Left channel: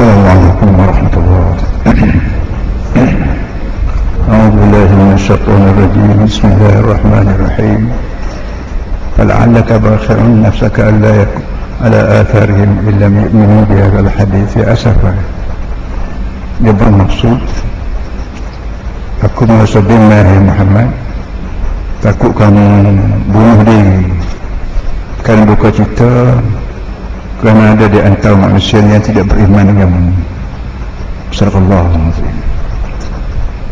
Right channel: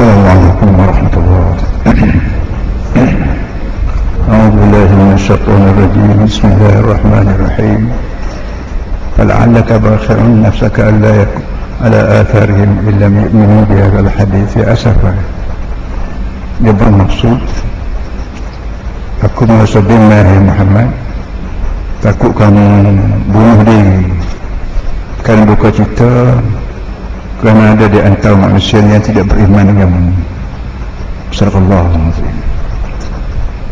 Assalamualaikum warahmatullahi wabarakatuh. أعوذ بالله من الشيطان الرجيم. بسم الله الرحمن الرحيم. فلعلك باخع نفسك ألا يكن على آثارهم إن لم يؤمنوا بهذا الحديث أسفا. Dia bermaksud, aku merasa bimbang ya Muhammad, takut kamu bunuh diri kerana buka cita, kerana ada di antara manusia yang tidak beriman denganmu. Sadaqallahu al-azim.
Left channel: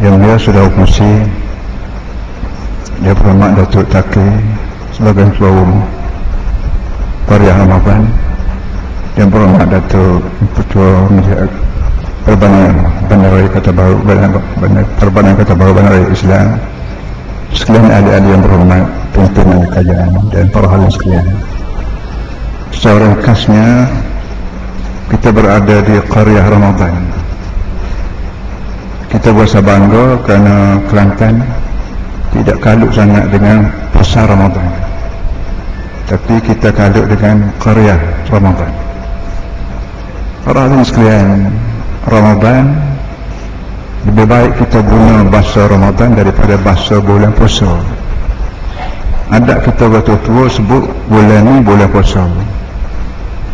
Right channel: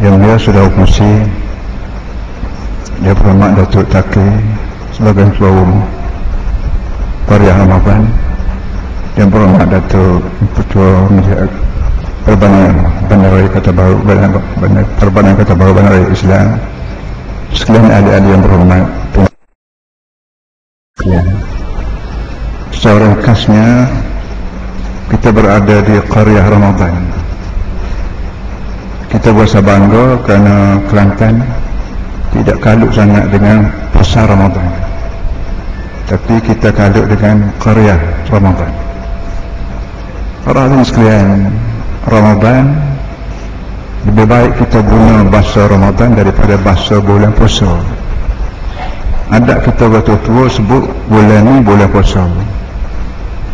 Yang dia sudah fungsi, dia bernama Datuk Taki sebagai ketua umum Qaryah Ramadan, dia bernama Datuk Ketua Perbandaran Kota Baru, Perbandaran Kota Baru Bandaraya Islam, sekalian ahli-ahli yang berhormat, pimpinan kajian dan para hadirin sekalian. Secara ringkasnya, kita berada di Qaryah Ramadan. Kita berasa bangga kerana Kelantan tidak kalut sangat dengan pasar Ramadan, tapi kita kalut dengan Qaryah Ramadan. Para hadirin sekalian, Ramadan lebih baik kita guna bahasa Ramadan daripada bahasa bulan puasa. Ada kita bertua-tua sebut bulan ni bulan puasa,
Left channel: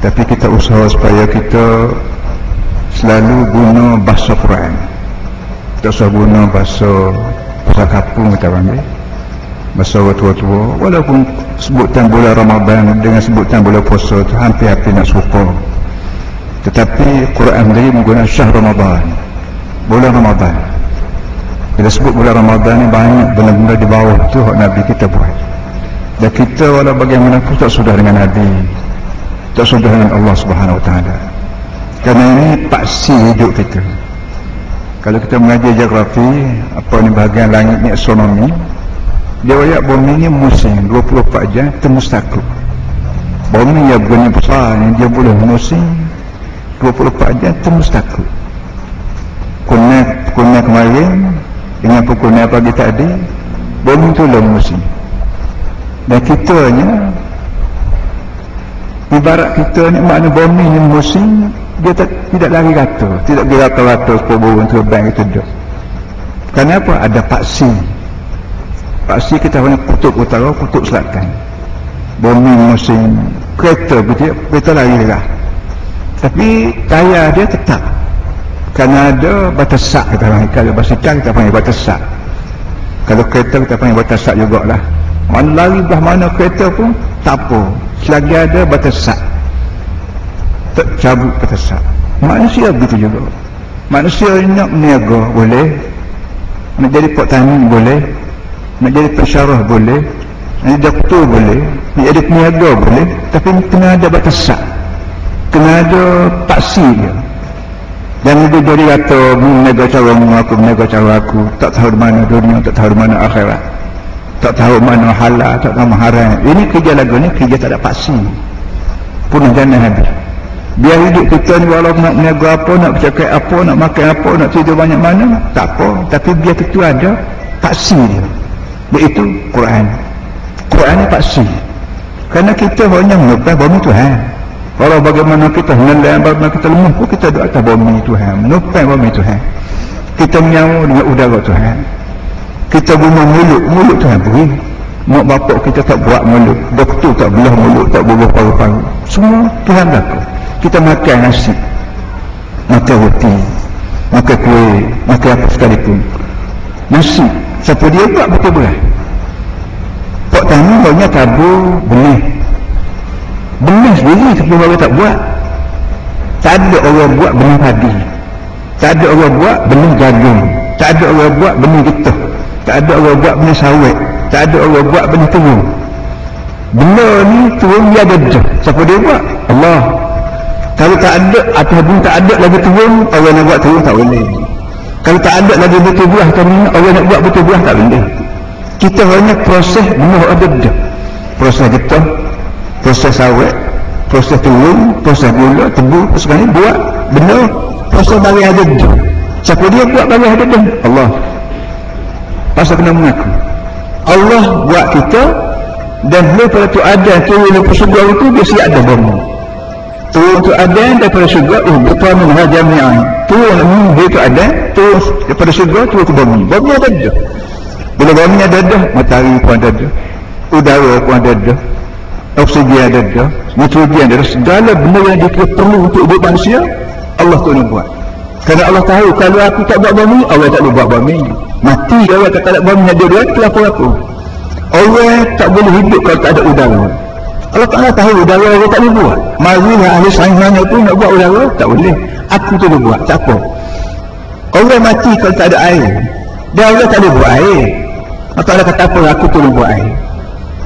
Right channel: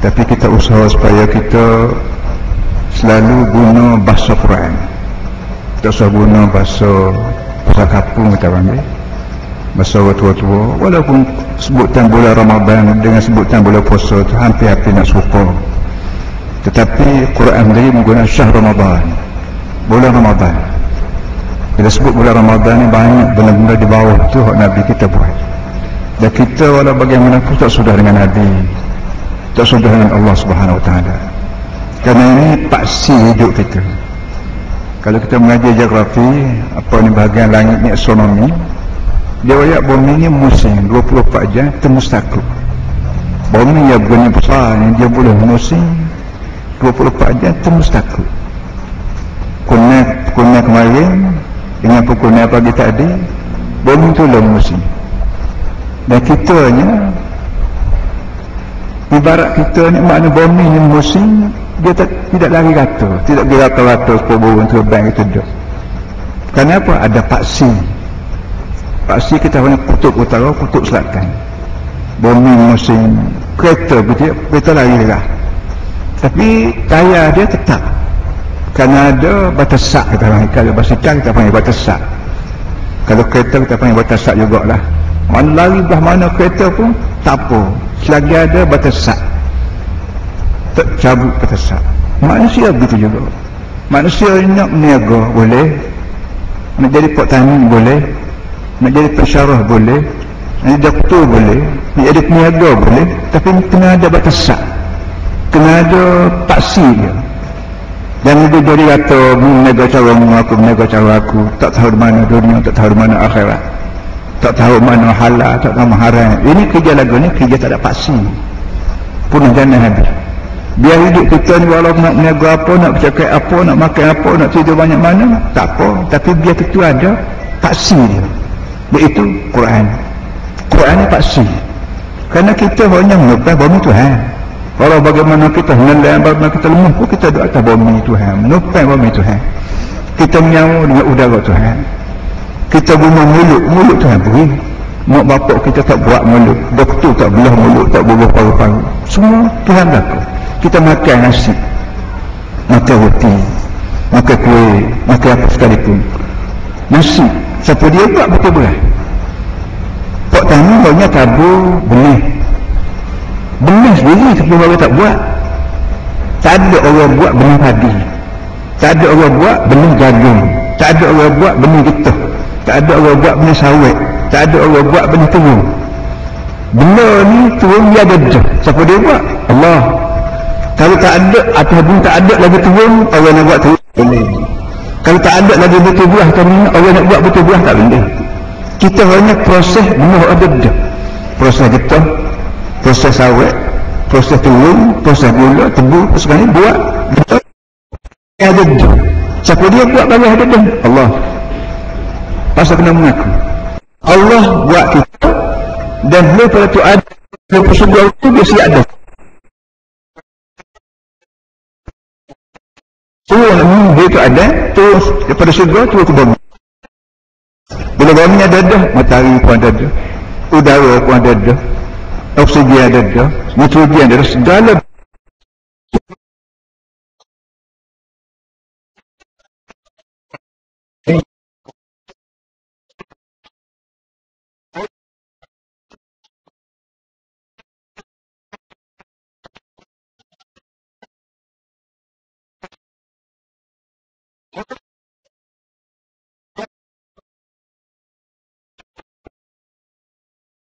tapi kita usaha supaya kita selalu guna bahasa Quran. Tak usah guna bahasa kapung kita panggil, bahasa tua-tua. Walaupun sebutan bulan Ramadan dengan sebutan bulan puasa itu hampir-hampir nak serupa, tetapi Quran sendiri menggunakan syahr Ramadan, bulan Ramadan. Bila sebut bulan Ramadan ni banyak benda-benda di bawah tu hak Nabi kita buat, dan kita walau bagaimanapun tak sudah dengan Nabi, tak sudah dengan Allah Subhanahu Wa Taala. Kerana ini paksi hidup kita. Kalau kita mengajar geografi, apa ni bahagian langit ni astronomi, dia wayak bumi ni musim 24 jam termustaqil. Bumi yang begini besar ni dia boleh musim 24 jam termustaqil. Kuna kemarin dengan pukul pagi tadi, bumi tu lah musim. Dan kitanya, ibarat kita ni, makna bumi ni musim, dia tidak lari rata, tidak berata-rata sepuluh burung terbang itu duduk. Kenapa? Ada paksi. Paksi kita punya kutub utara, kutub selatan. Bumi musim kereta, kereta lari lah, tapi tayar dia tetap, kerana ada batasak kita panggil. Kalau basikal kita panggil batasak, kalau kereta kita panggil batasak jugalah. Mana lari belah mana kereta pun tak apa, selagi ada batasak, tak cabut batasak. Manusia begitu juga. Manusia nak meniaga boleh, nak jadi petani boleh, nak jadi pensyarah boleh, nak jadi doktor boleh, nak jadi peniaga boleh, tapi kena ada batasak, kena ada paksi dia. Jangan dia jadi kata meniaga cara aku, meniaga cara aku, tak tahu di mana dunia, tak tahu di mana akhirat, tak tahu mana halal, tak tahu haram. Ini kerja lagu ni, kerja tak ada paksi, punah jana habis. Biar hidup kita ni walau nak meniaga apa, nak bercakap apa, nak makan apa, nak tidur banyak mana, tak apa, tapi biar kita ada paksi dia. Iaitu Quran. Quran ni paksi, kerana kita hanya menukar bumi Tuhan. Walau bagaimana kita nelayan, bagaimana kita lemah pun kita duduk atas bumi Tuhan, menukar bumi Tuhan. Kita menyawa dengan udara Tuhan. Kita guna mulut Tuhan beri. Mak bapak kita tak buat mulut, doktor tak belah mulut, tak bubuh paru-paru, semua Tuhan lakukan. Kita makan nasi, makan roti, makan kuih, makan apa sekalipun. Nasi, siapa dia buat betul belah. Pak tani banyak tabur benih. Benih sendiri sebelum orang tak buat. Tak ada orang buat benih padi, tak ada orang buat benih jagung, tak ada orang buat benih getah, tak ada orang buat benih sawit, tak ada orang buat benih terung. Benda ni terung dia ada dah. Siapa dia buat? Allah. Kalau tak ada, ataupun tak ada lagi turun, orang nak buat turun tak boleh. Kalau tak ada lagi betul buah, orang nak buat betul buah tak boleh. Kita hanya proses benar ada dah. Proses getah, proses sawit, proses turun, proses gula, tebu, sebenarnya buat benar. Proses bagi ada dah. Siapa dia buat bagi ada dah? Allah. Pasal kena mengaku Allah buat kita, dan lepas tu ada tu, lepas sebuah itu dia siap ada bumi. turun untuk adan daripada syurga betul minha jami'an, turun dia tu adan, turun daripada syurga turun ke bumi. Bumi ada dah. Bila bumi ada dah, matahari pun ada dah, udara pun ada dah, oksigen ada dah, nitrogen ada dah, segala benda yang dia perlu untuk hidup manusia Allah tu nak buat. Kerana Allah tahu kalau aku tak buat bumi, Allah tak boleh buat bumi. Mati Allah tak ada bumi ada dua, kenapa aku? Allah tak boleh hidup kalau tak ada udara. Allah Ta'ala tahu udara Allah tak boleh buat. Marilah ahli sains mana pun nak buat udara, tak boleh. Aku tu boleh buat, tak apa. Allah mati kalau tak ada air. Dan Allah tak boleh buat air. Allah Ta'ala kata apa, aku tu boleh buat air.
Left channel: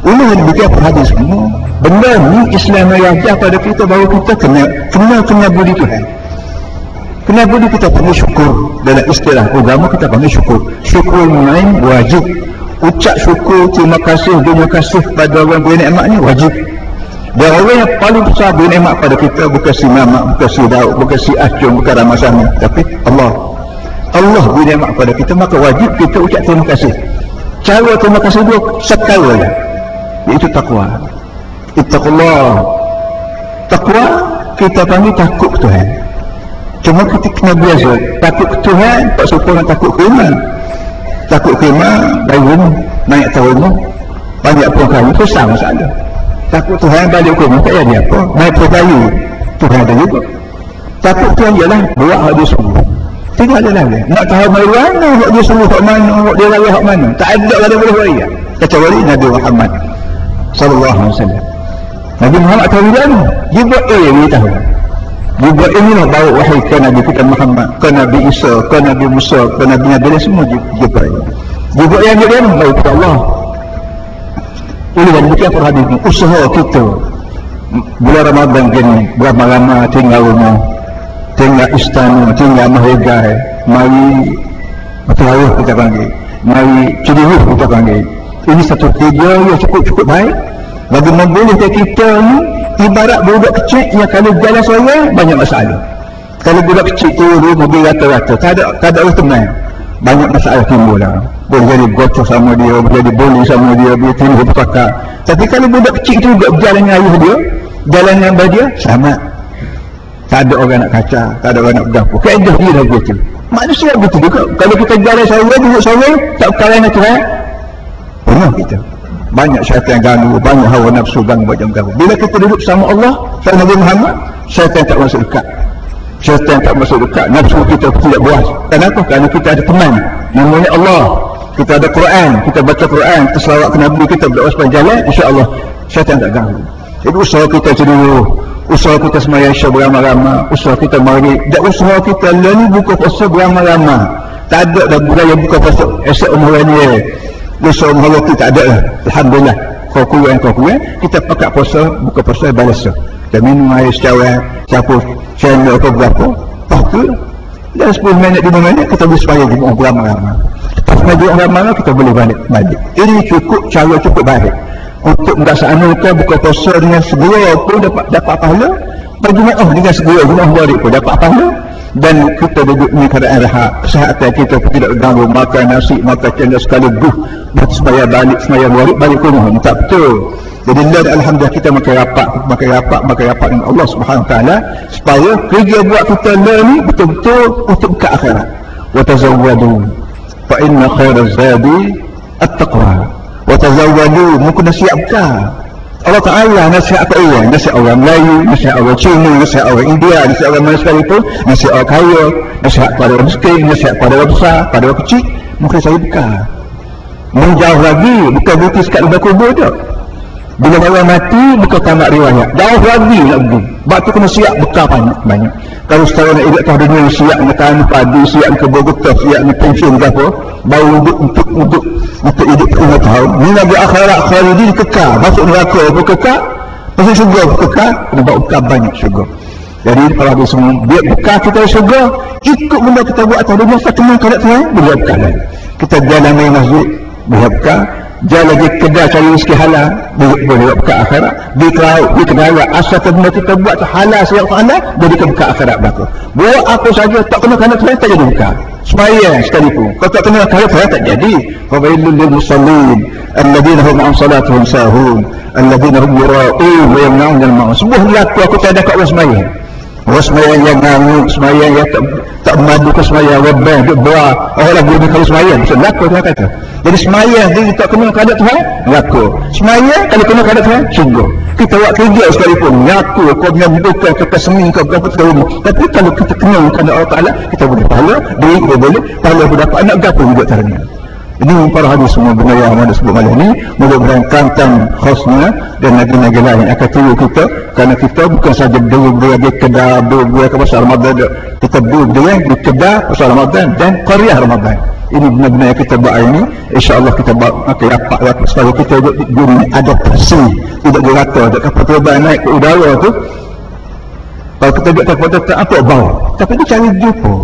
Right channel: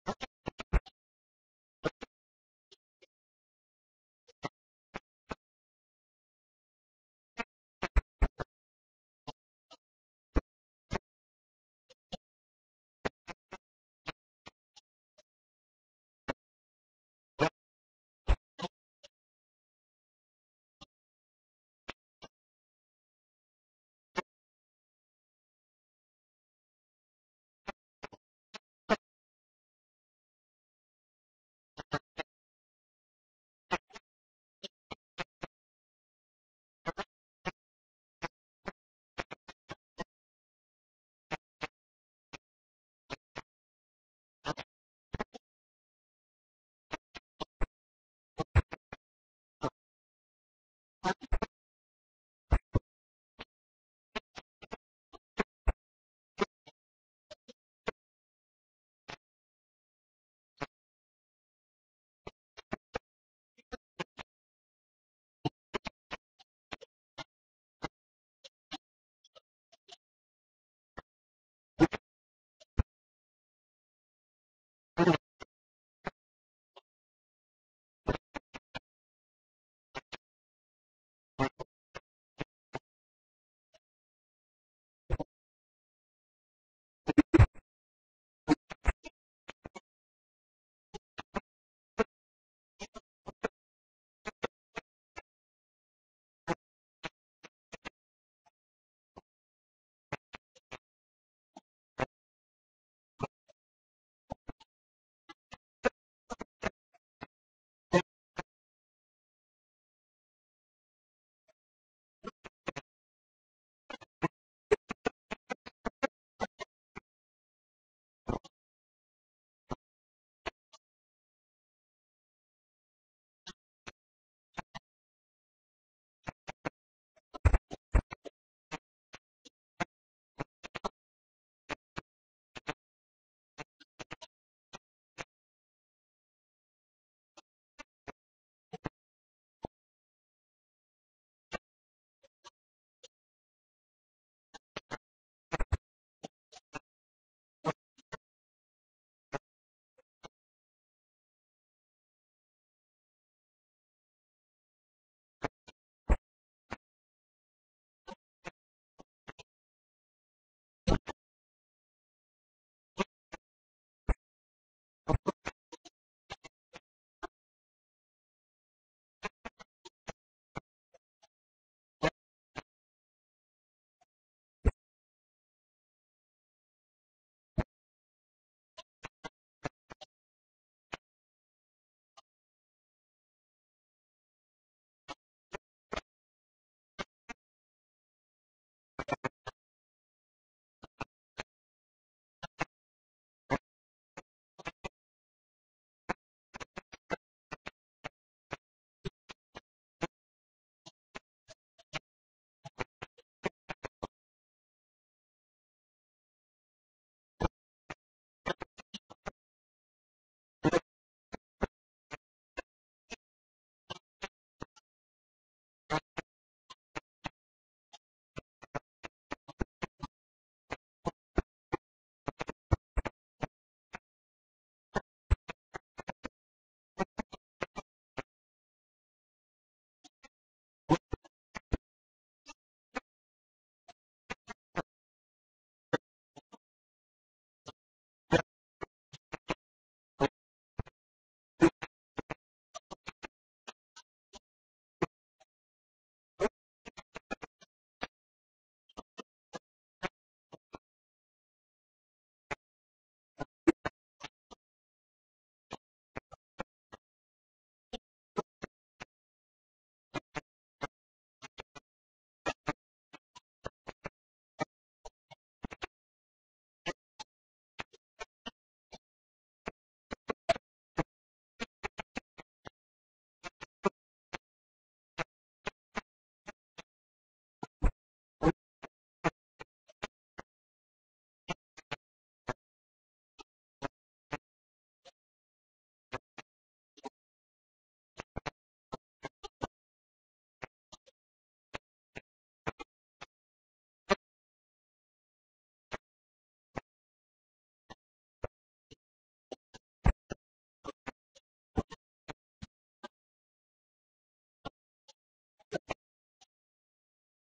Ini yang diberikan perhatian semua. Benda ni Islam yang ajar pada kita bahawa kita kena budi Tuhan. Kena budi kita panggil syukur. Dalam istilah agama kita panggil syukur. Syukur main wajib. Ucap syukur, terima kasih pada orang beri nikmat ni wajib. Dan orang yang paling besar beri nikmat pada kita bukan si Mamak, bukan si Daud, bukan si Acung, bukan Ramasana, tapi Allah. Allah beri nikmat pada kita, maka wajib kita ucap terima kasih. Cara terima kasih dia sekali je, iaitu takwa. Ittaqullah. Takwa kita panggil takut Tuhan. Cuma kita kena biasa takut Tuhan, tak serupa dengan takut iman. Takut khemah, dari rumah, naik atas rumah, banyak puan kayu, besar masalah. Takut Tuhan balik rumah, tak jadi apa. Naik puan kayu, Tuhan ada juga. Takut Tuhan ialah buat hak dia suruh. Tinggal ada lagi. Nak tahu dari mana hak dia suruh, hak mana, hak dia raya hak mana. Tak ada yang boleh raya. Kecuali Nabi Muhammad SAW. Nabi Muhammad tahu dia mana? Dia buat dia tahu. Dia buat inilah bawa wahai ke Nabi kita Muhammad, ke Nabi Isa, ke Nabi Musa, ke Nabi Nabi semua dia buat. Dia buat yang dia bawa kepada Allah. Ini yang bukan perhatian usaha kita. Bulan Ramadan gini, beramai-ramai tinggal rumah, tinggal istana, tinggal mahagai, mari tarawih kita panggil, mari cedihuf kita panggil. Ini satu kerja yang cukup baik. Bagaimana boleh kita ni ibarat budak kecil yang kalau jalan seorang banyak masalah. Kalau budak kecil tu mobil rata-rata, tak ada orang tenang, banyak masalah timbul lah. Boleh jadi gocok sama dia, boleh jadi bully sama dia, boleh timbul bertakar. Tapi kalau budak kecil tu berjalan dengan ayah dia, jalan dengan abah dia, selamat. Tak ada orang nak kacau, tak ada orang nak bergapuh. Kaedah dia dah begitu. Manusia begitu juga. Kalau kita jalan seorang, duduk seorang, tak berkala dengan Tuhan, penuh kita. Banyak syaitan ganggu, banyak hawa nafsu ganggu, macam ganggu. Bila kita duduk sama Allah, sama Nabi Muhammad, syaitan tak masuk dekat. Syaitan tak masuk dekat. Nafsu kita tidak buas. Kenapa? Kerana kita ada teman, namanya Allah. Kita ada Quran, kita baca Quran, kita selawat ke Nabi, kita berdoa sepanjang jalan, insya-Allah syaitan tak ganggu. Jadi usaha kita dulu, usaha kita semaya Isya beramai-ramai, usaha kita mari, dan usaha kita lalu buka puasa beramai-ramai. Tak ada dah budaya buka puasa esok umur ni. Dosa Allah tu tak ada lah. Alhamdulillah. Kau kurang, kita pakai puasa, buka puasa balas. Kita minum air secara siapa channel atau berapa, pakai. Dan 10 minit, 5 minit kita boleh supaya jemaah beramai-ramai. Lepas majlis ramai kita boleh balik. Ini cara cukup baik untuk melaksanakan buka puasa dengan segera pun dapat pahala. Berjemaah dengan segera jemaah balik pun dapat pahala. Dan kita duduk ni keadaan rehat, kesihatan kita pun tidak terganggu, makan nasi, makan cendol sekaligus, semaya balik ke rumah, tak betul. Jadi alhamdulillah kita makan rapat dengan Allah Subhanahu Wa Taala supaya kerja buat kita ni betul-betul untuk ke akhirat. Wa tazawwadu fa inna khairaz zadi at-taqwa. Wa tazawwadu, mungkin siapkan. Allah Ta'ala nasihat apa orang? Nasihat orang Melayu, nasihat orang Cina, nasihat orang India, nasihat orang mana sekalipun, nasihat orang kaya, nasihat pada orang miskin, nasihat pada orang besar, pada orang kecil. Mungkin saya buka menjauh lagi, bukan berarti sekat lebih kubur je. Bila orang mati, bukan tamat riwayat, jauh lagi nak pergi. Sebab tu kena siap bekal banyak. Kalau sekarang nak hidup atas dunia, siap nak tanam padi, siap nak kebun getah, siap nak pensiun ke apa, baru untuk hidup 5 tahun. Ni Nabi akhirat khalidin kekal, masuk neraka pun kekal, masuk syurga pun kekal, kena bawa bekal banyak syurga. Jadi kalau habis semua, biar bekal kita syurga, ikut benda kita buat atas dunia, satu malam kadang Tuhan, boleh bekal lagi. Kita jalan main masjid, boleh bekal. jalan di kedai cari rezeki halal, boleh buka akhirat. Di kedai asal benda kita buat halal siap halal, jadi kita buka akhirat belaka. Buat apa saja tak kena kerana Tuhan tak jadi buka. Semaya sekalipun. Kalau tak kena kerana Tuhan tak jadi. Fawailul lil musallin alladziina hum an salatihim sahun, alladziina hum yura'un wa yamna'un al-ma'un. Sebuah laku aku tak ada kat orang semaya. Orang semaya yang ngamuk, semaya yang tak madu ke semaya, wabah, duk berat. Orang lagu ni kalau semaya, bisa laku Tuhan kata. Jadi semaya dia tak kena keadaan Tuhan, laku. Semaya kalau kena keadaan Tuhan, sungguh. Kita buat kerja sekalipun, laku. Kau punya bukan kata seni, kau berapa tahun. Tapi kalau kita kena keadaan Allah Ta'ala, kita boleh pahala, duit kita boleh, pahala boleh dapat anak gapa juga caranya. Ini para hadis semua benda yang ada sebut malam ni, mudah-mudahan kantan khasnya dan lagi-lagi lain akan tunggu kita, kerana kita bukan saja berdua di Kedah, berdua ke pasal Ramadan, kita berdua di Kedah pasal Ramadan dan Qaryah Ramadan. Ini benar-benar yang kita buat ini, insya-Allah kita buat makin rapat supaya kita guna adaptasi, tidak dirata, tak kapal terbang naik ke udara tu. Kalau kita duduk kapal terbang, apa bau? Tapi dia cari jumpa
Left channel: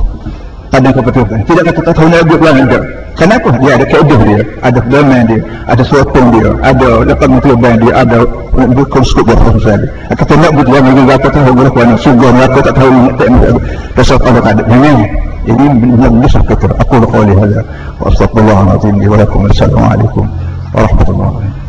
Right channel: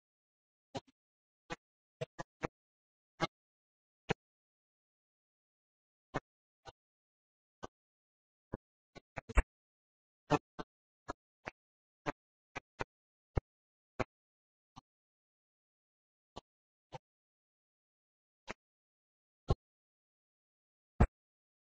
pada kapal terbang. Tidak kata tak tahu nak buat ada. Kenapa? Dia ada kaedah dia, ada pedoman dia, ada sotong dia, ada lapangan terbang dia, ada konskop dia pasal dia. Kita nak buat yang lagi tak tahu berapa nak sungguh nak tak tahu tak pasal ada ada. Ini benar-benar kita. Aku qawli hadza wa astaghfirullahalazim wa lakum. Assalamualaikum warahmatullahi wabarakatuh.